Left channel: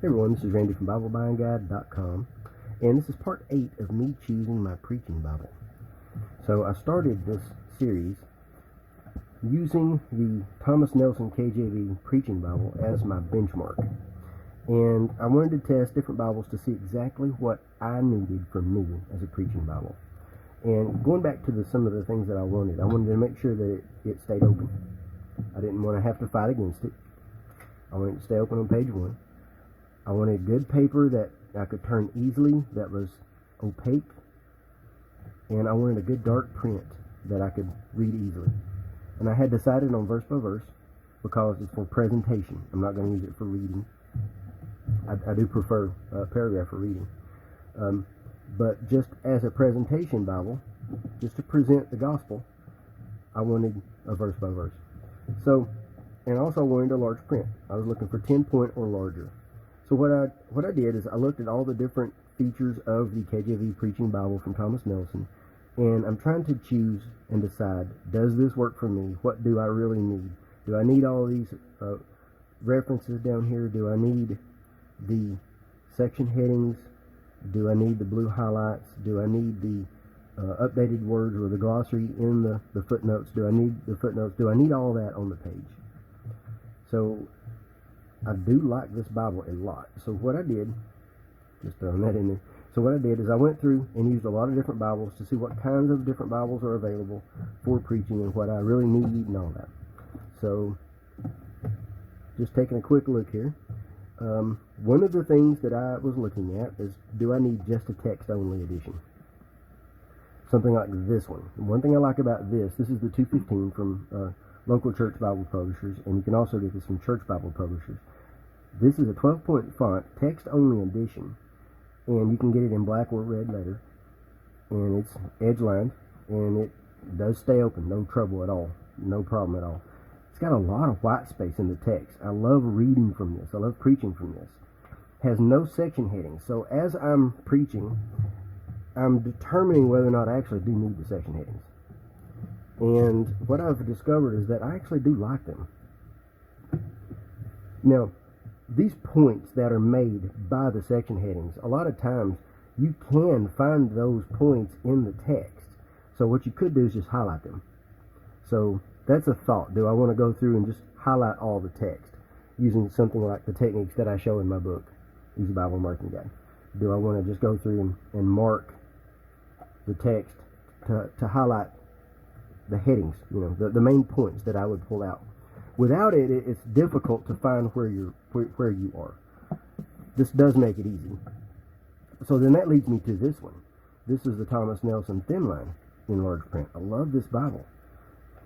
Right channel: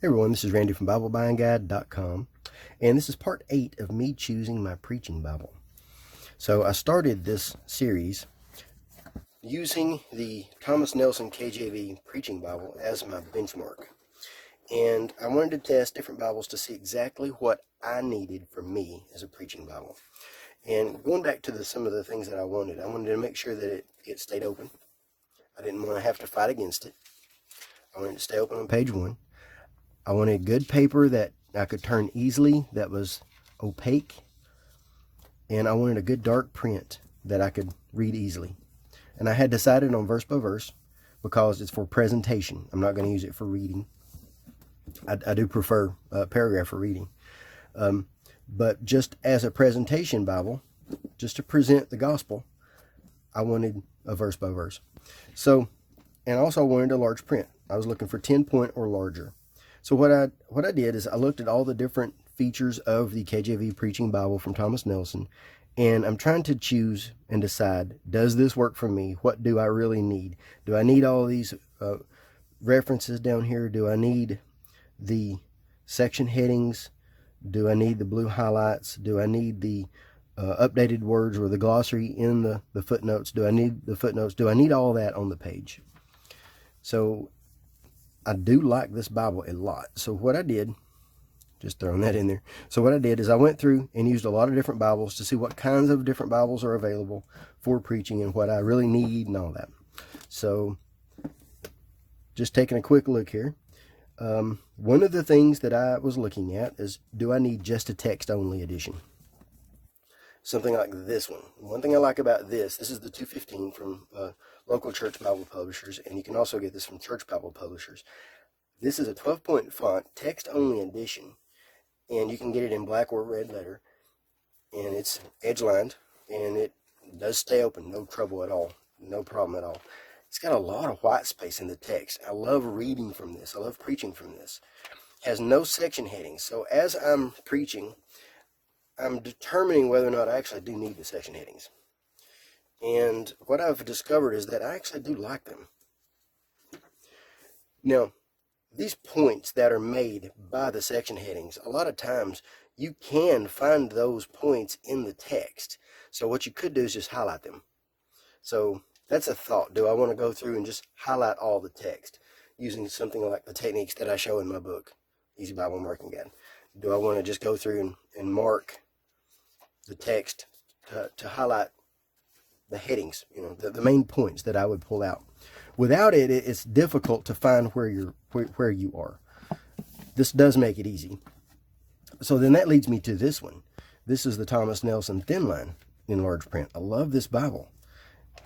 Hey everyone, this is Randy from BibleBuyingGuide.com, and this is part 8 of me choosing my preaching Bible. So I started this series using the Thomas Nelson KJV Preaching Bible as my benchmark. And I wanted to test different Bibles to see exactly what I needed from me as a preaching Bible. And going back to some of the things that I wanted to make sure that it stayed open. I didn't want to have to fight against it. I wanted it to stay open on page 1. I wanted good paper that I could turn easily, that was opaque, and I wanted a good dark print that I could read easily. And I had decided on verse by verse because it's for presentation. I'm not going to use it for reading. I do prefer paragraph for reading. But just as a presentation Bible, just to present the gospel, I wanted a verse by verse. So, and also I wanted a large print. I was looking for 10-point or larger. So what I did is I looked at all the different features of the KJV Preaching Bible from Thomas Nelson, and I'm trying to choose and decide, does this work for me? What do I really need? Do I need all these references down here? Do I need the section headings? Do I need the blue highlights? Do I need the updated words or the glossary in the footnotes? Do I need the footnotes? Do I need all that on the page? So I do like this Bible a lot. So what I did, just throwing that in there. So what I did is I went through and used a lot of different Bibles to see what kinds of different Bibles are available for preaching and what I really need and all that. So just taking a quick look here. One of the things that I was looking at is, do I need just a text-only edition? Something like this one. One thing I like about this is the 215 from local church Bible publishers, and you can also get this from church Bible publishers. This is a 12-point font, text-only edition, and you can get it in black or red letter, and it's edge-lined, and it does stay open, no trouble at all, no problem at all. It's got a lot of white space in the text. I love reading from this. I love preaching from this. It has no section headings, so as I'm preaching, I'm determining whether or not I actually do need the section headings. And what I've discovered is that I actually do like them. Now, these points that are made by the section headings, a lot of times you can find those points in the text. So what you could do is just highlight them. So that's a thought. Do I want to go through and just highlight all the text using something like the techniques that I show in my book, Easy Bible Marking Guide? Do I want to just go through and mark the text to highlight the headings, the main points that I would pull out? Without it, it's difficult to find where you are. This does make it easy. So then that leads me to this one. This is the Thomas Nelson Thinline in large print. I love this Bible.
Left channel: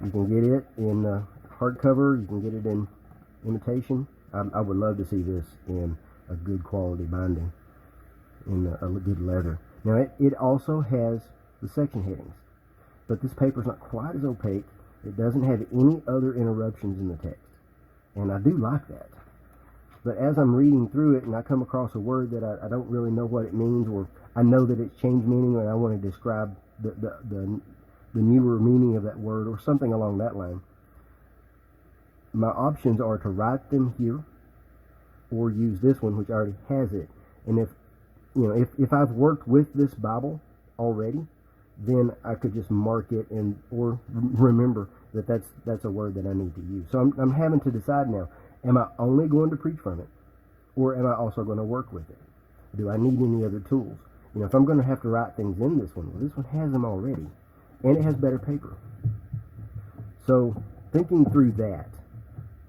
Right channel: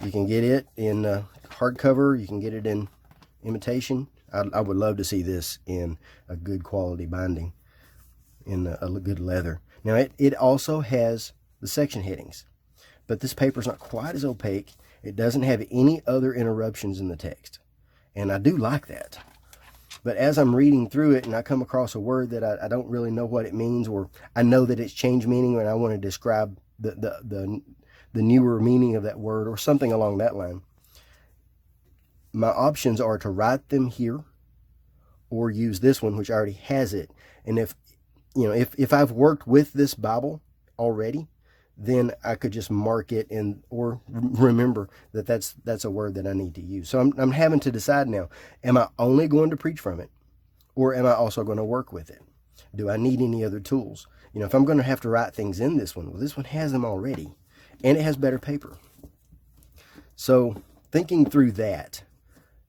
You can get it in hardcover. You can get it in imitation. I would love to see this in a good quality binding, in a good leather. Now it also has the section headings, but this paper is not quite as opaque. It doesn't have any other interruptions in the text, and I do like that. But as I'm reading through it and I come across a word that I don't really know what it means, or I know that it's changed meaning and I want to describe the newer meaning of that word or something along that line, my options are to write them here or use this one, which already has it. And if I've worked with this Bible already, then I could just mark it or remember that that's a word that I need to use. So I'm having to decide now, am I only going to preach from it, or am I also going to work with it? Do I need any other tools? If I'm going to have to write things in this one, well, this one has them already, and it has better paper. So thinking through that,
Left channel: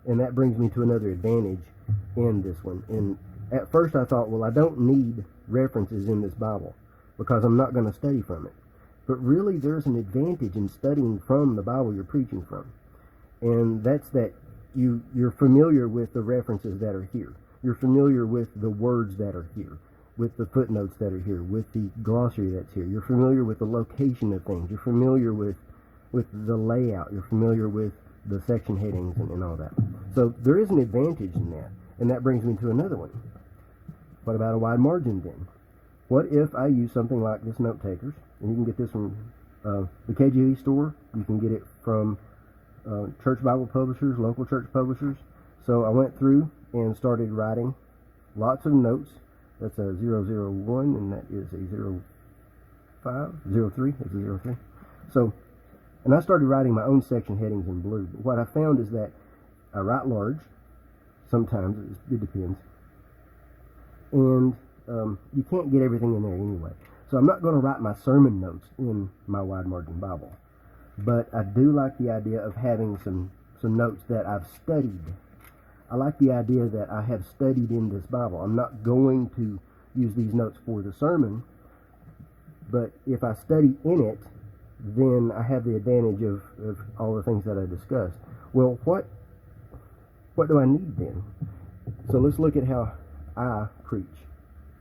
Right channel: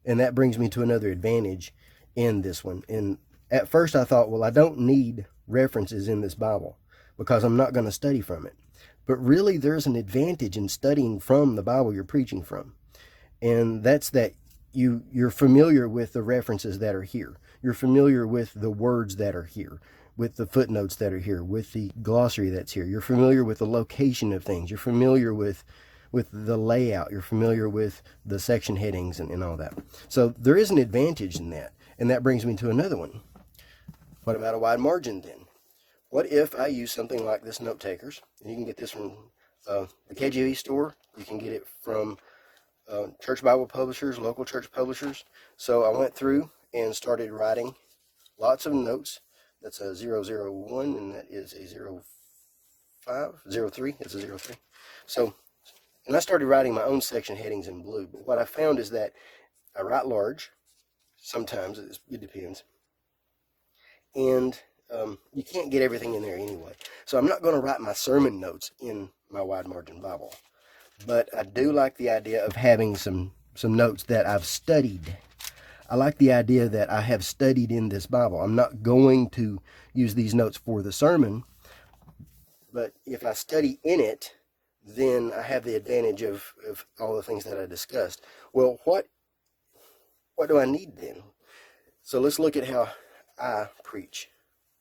and that brings me to another advantage in this one. And at first I thought, well, I don't need references in this Bible because I'm not going to study from it. But really, there's an advantage in studying from the Bible you're preaching from. And that's that you're familiar with the references that are here. You're familiar with the words that are here, with the footnotes that are here, with the glossary that's here. You're familiar with the location of things. You're familiar with the layout. You're familiar with the section headings and all that. So there is an advantage in that. And that brings me to another one. What about a wide margin then? What if I use something like this Notetakers? And you can get this from the KJV store. You can get it from church Bible publishers, local church publishers. So I went through and started writing lots of notes. That's a 001, and that is a 03. It's a 03. So, and I started writing my own section headings in blue. But what I found is that I write large. Sometimes it depends. And you can't get everything in there anyway. So I'm not going to write my sermon notes in my wide margin Bible. But I do like the idea of having some notes that I've studied. I like the idea that I have studied in this Bible. I'm not going to use these notes for the sermon, but if I study in it, then I have the advantage of all the things that I discussed. Well, what do I need then? So let's look at how I preach.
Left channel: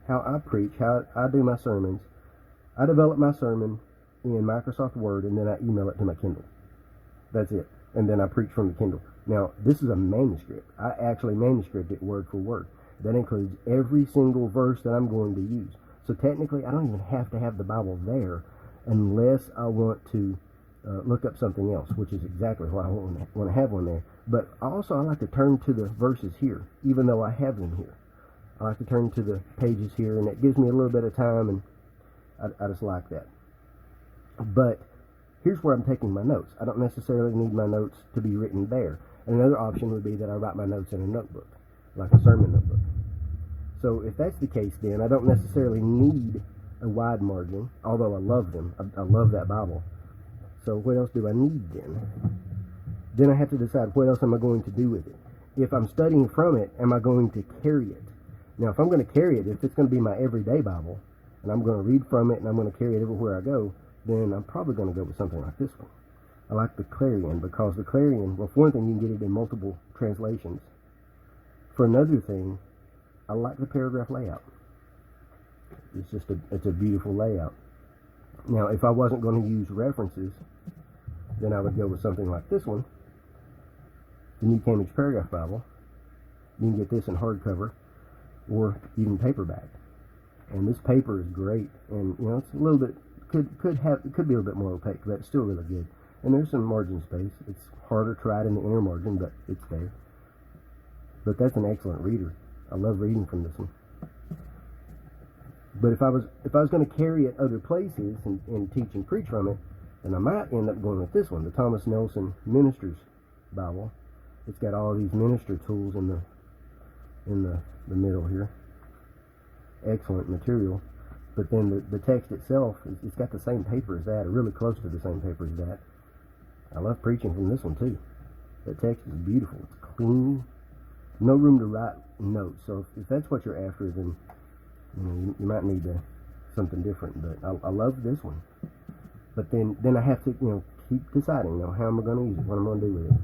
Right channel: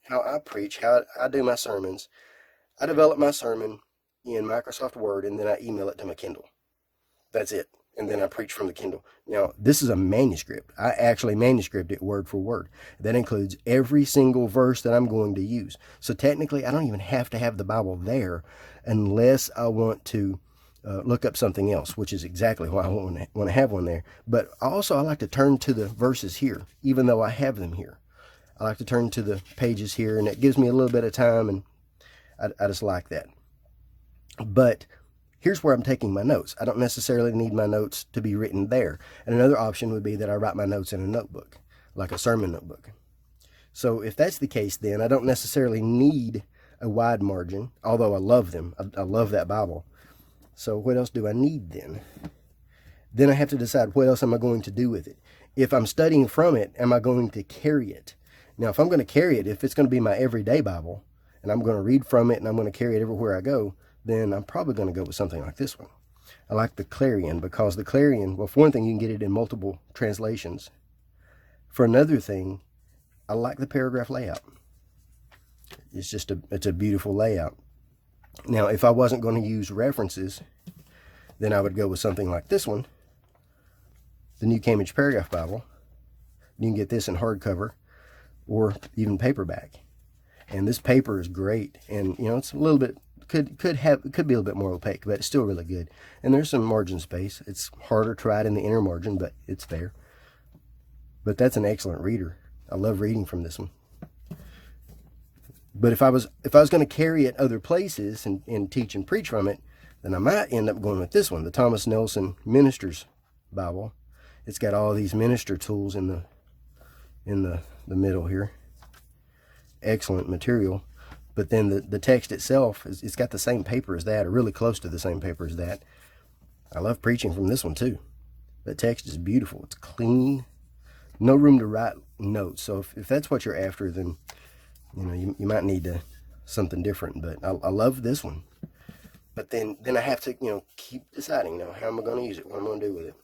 How I do my sermons. I develop my sermon in Microsoft Word, and then I email it to my Kindle. That's it. And then I preach from the Kindle. Now, this is a manuscript. I actually manuscript it word for word. That includes every single verse that I'm going to use. So technically, I don't even have to have the Bible there unless I want to look up something else, which is exactly why I want to have one there. But also, I like to turn to the verses here, even though I have them here. I like to turn to the pages here, and it gives me a little bit of time, and I just like that. But here's where I'm taking my notes. I don't necessarily need my notes to be written there. And another option would be that I write my notes in a notebook, like a sermon notebook. So if that's the case, then I don't necessarily need a wide margin, although I love them. I love that Bible. So what else do I need then? Then I have to decide, what else am I going to do with it? If I'm studying from it, am I going to carry it? Now, if I'm going to carry it, if it's going to be my everyday Bible, and I'm going to read from it, and I'm going to carry it everywhere I go, then I'm probably going to go with something like this one. I like the Clarion, because the Clarion, well, for one thing, you can get it in multiple translations. For another thing, I like the paragraph layout. It's a beautiful layout. Now, if I wasn't going to use references, then I would go with something like this one, the New Cambridge Paragraph Bible. You can get this in hardcover or even paperback. And this paper is great, and it's a little bit could be a little bit more opaque, but it's still really good. And there's some margin space. It's harder to write in the inner margin, but it's there. But that's an excellent reader. I love reading from this one. But if I was going to carry it other places and teach and preach from it, then I might end up going with this one, the Thomas Nelson Minister's Bible. It's got all these minister tools in the middle here. Excellent material. But then the text itself, it's got the same paper as that, or really close to the same paper as that. I love preaching from this one too. The text is beautiful. It's clean. No room to write notes. So if that's what you're after, then you might need something different. But I love this one. But then I have to keep deciding how am I going to use it, what I'm going to do with it.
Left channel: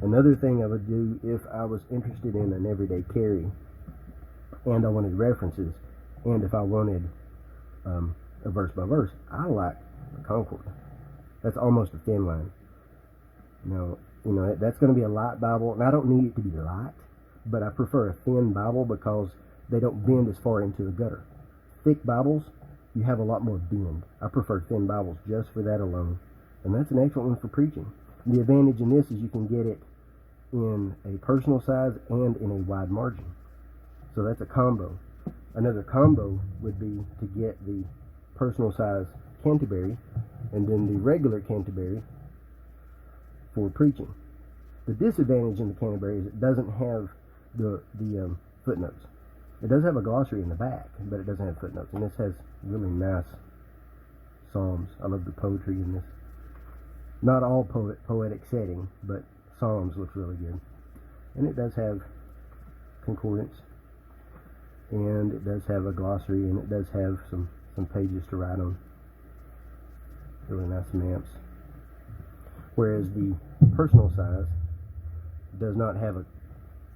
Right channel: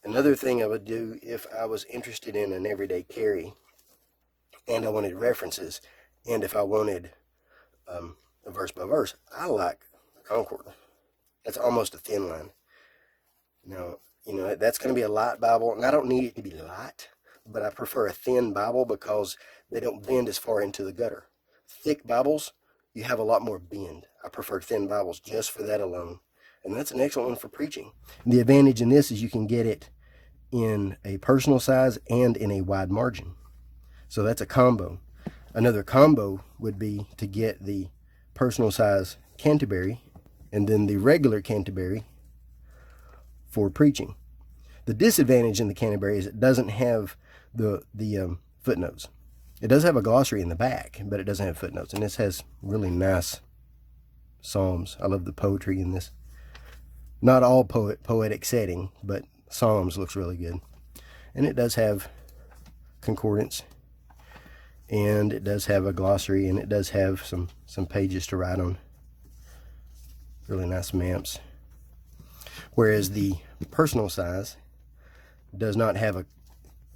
Another thing I would do if I was interested in an everyday carry, and I wanted references, and if I wanted a verse by verse, I like a Concord. That's almost a Thinline. Now, that's going to be a light Bible, and I don't need it to be light, but I prefer a thin Bible because they don't bend as far into the gutter. Thick Bibles, you have a lot more bend. I prefer thin Bibles just for that alone, and that's an excellent one for preaching. And the advantage in this is you can get it in a personal size and in a wide margin. So that's a combo. Another combo would be to get the personal size Canterbury and then the regular Canterbury for preaching. The disadvantage in the Canterbury is it doesn't have the footnotes. It does have a glossary in the back, but it doesn't have footnotes. And this has really nice psalms. I love the poetry in this. Not all poetic setting, but Psalms looks really good. And it does have concordance, and it does have a glossary, and it does have some pages to write on. Really nice maps. Whereas the personal size does not have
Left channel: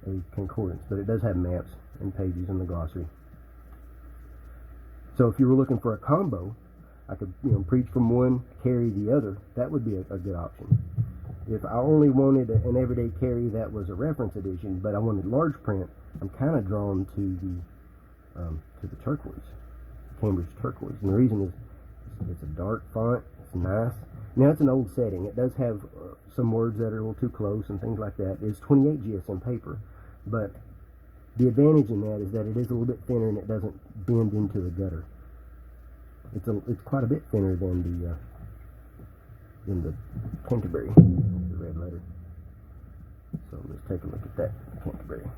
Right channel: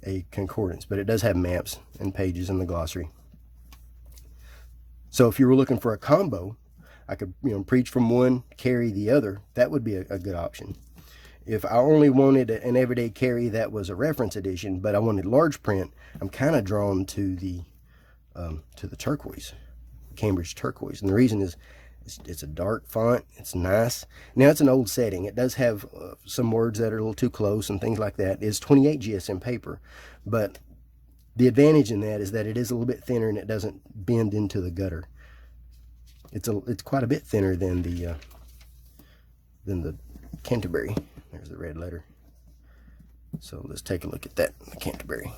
a concordance, but it does have maps and pages in the glossary. So if you were looking for a combo, I could preach from one, carry the other. That would be a good option. If I only wanted an everyday carry that was a reference edition, but I wanted large print, I'm kind of drawn to the turquoise, Cambridge turquoise. And the reason is it's a dark font. It's nice. Now, it's an old setting. It does have some words that are a little too close and things like that. It's 28 GSM paper, but The advantage in that is that it is a little bit thinner and it doesn't bend into the gutter. It's quite a bit thinner than the Canterbury. There's the red letter. So let's take a look at that, the Canterbury.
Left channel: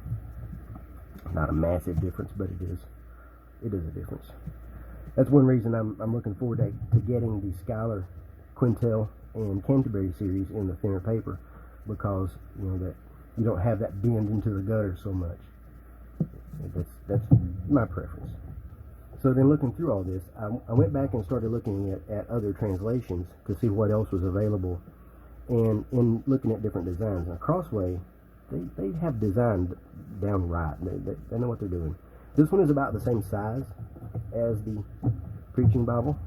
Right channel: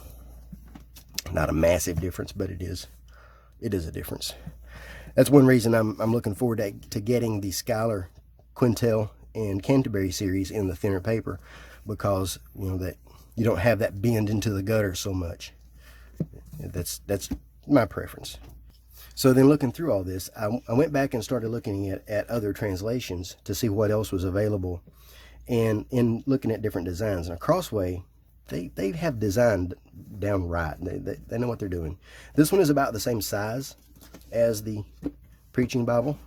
Not a massive difference, but it is a difference. That's one reason I'm looking forward to getting the Schuyler, Quintel, and Canterbury series in the thinner paper, because that you don't have that bend into the gutter so much. That's my preference. So then, looking through all this, I went back and started looking at other translations to see what else was available, and in looking at different designs. Now, Crossway, they have designed down right. They know what they're doing. This one is about the same size as the Preaching Bible.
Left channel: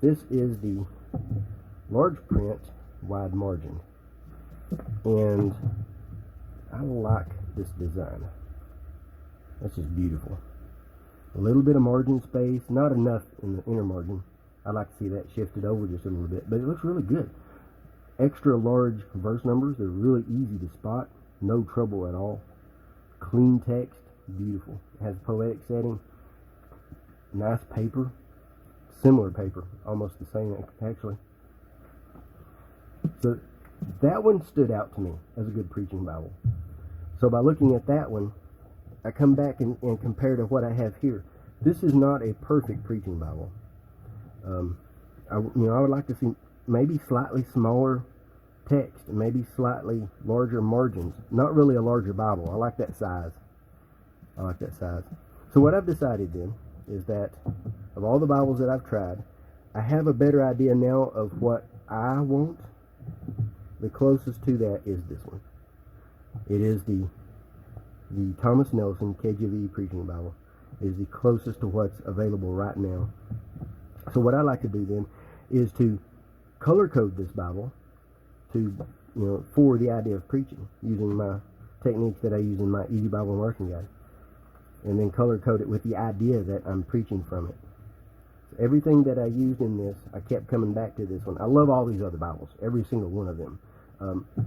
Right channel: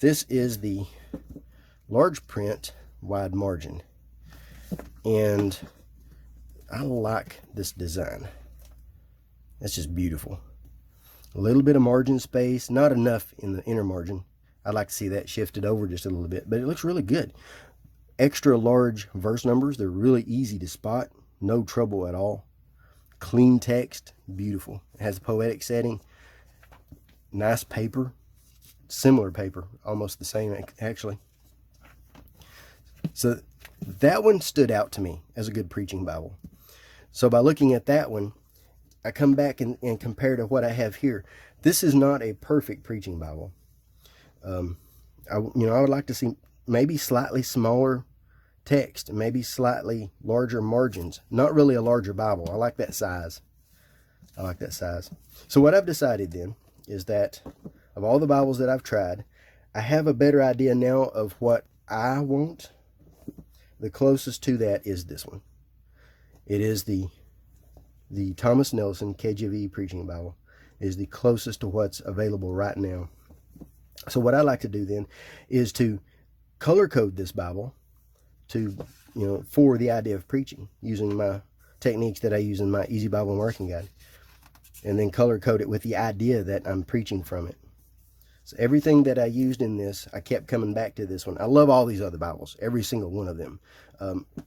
This is the large print wide margin, and I like this design. That's just beautiful. A little bit of margin space, not enough in the inner margin. I'd like to see that shifted over just a little bit, but it looks really good. Extra large verse numbers, they're really easy to spot, no trouble at all. Clean text, beautiful. It has a poetic setting, nice paper, similar paper, almost the same actually. So that one stood out to me as a good preaching Bible. So by looking at that one, I come back and compare to what I have here. This is not a perfect preaching Bible. I would like to see maybe slightly smaller text, maybe slightly larger margins. Not really a larger Bible. I like that size. So what I've decided then is that of all the Bibles that I've tried, I have a better idea now of what I want. The closest to that is this one. It is the Thomas Nelson KJV Preaching Bible. Is the closest to what's available right now. So what I like to do then is to color code this Bible to, for the idea of preaching, using my techniques that I use in my Easy Bible Working Guide, and then color code it with the idea that I'm preaching from it. So everything that I used in this, I kept coming back to this one. I love all these other Bibles, every single one of them.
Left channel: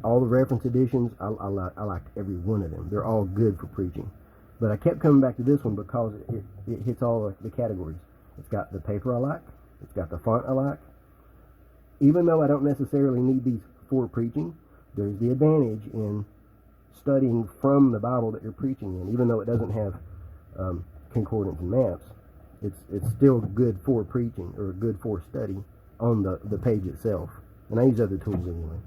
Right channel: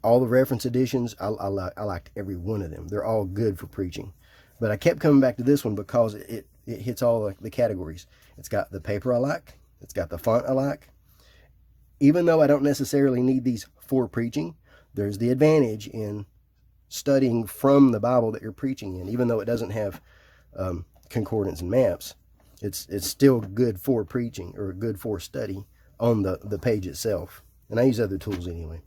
All the reference editions, I liked every one of them. They're all good for preaching. But I kept coming back to this one because it hits all the categories. It's got the paper I like. It's got the font I like. Even though I don't necessarily need these for preaching, there's the advantage in studying from the Bible that you're preaching in. Even though it doesn't have concordance and maps, it's still good for preaching, or good for study on the page itself. And I use other tools anyway.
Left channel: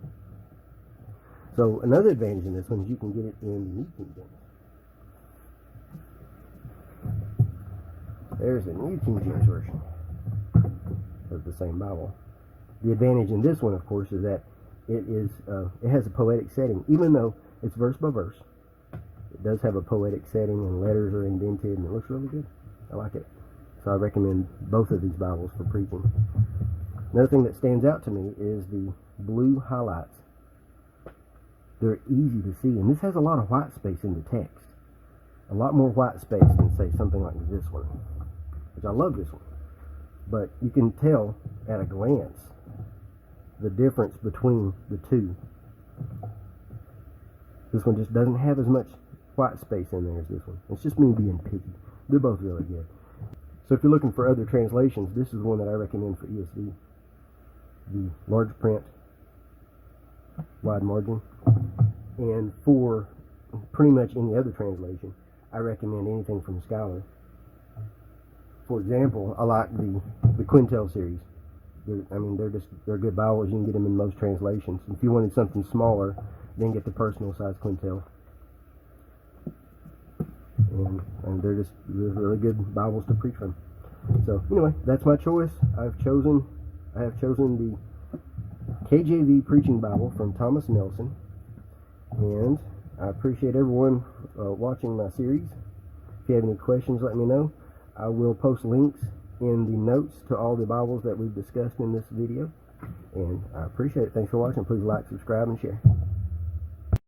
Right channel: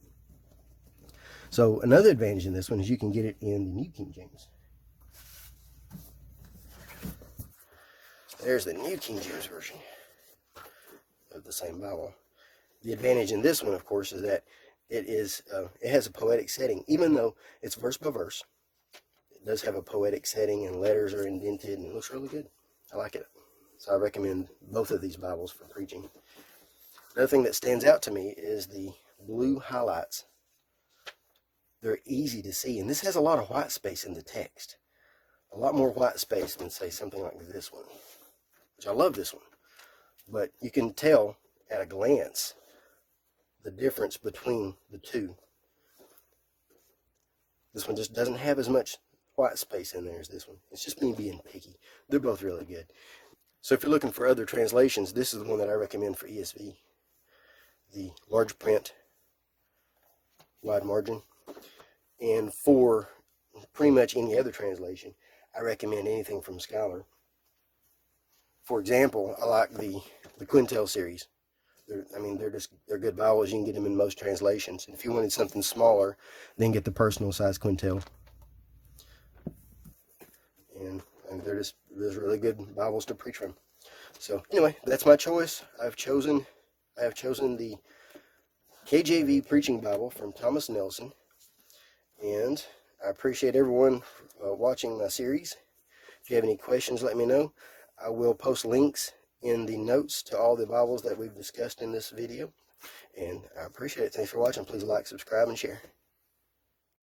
So another advantage in this one is you can get it in the New King James. There's the New King James Version of the same Bible. The advantage in this one, of course, is that it has a poetic setting. Even though it's verse by verse, it does have a poetic setting, and letters are indented, and it looks really good. I like it. So I recommend both of these Bibles for preaching. Another thing that stands out to me is the blue highlights. They're easy to see, and this has a lot of white space in the text. A lot more white space than, say, something like this one, which I love this one. But you can tell at a glance the difference between the two. This one just doesn't have as much white space in there as this one. It's just me being picky. They're both really good. So if you're looking for other translations, this is the one that I recommend for ESV. The large print, wide margin. And for pretty much any other translation, I recommend anything from Schuyler. For example, I like the Quintel series. They're good Bibles. You can get them in most translations. And if you wanted something smaller, then get the personal size Quintel. And they're just really good Bibles to preach from. So anyway, that's my choice. I have chosen the KJV Preaching Bible from Thomas Nelson. And I appreciate everyone watching my series. If you have any questions, let me know. I will post links in the notes to all the Bibles that we've discussed in this video. And I appreciate it. Thanks for watching. Please like, subscribe, and share.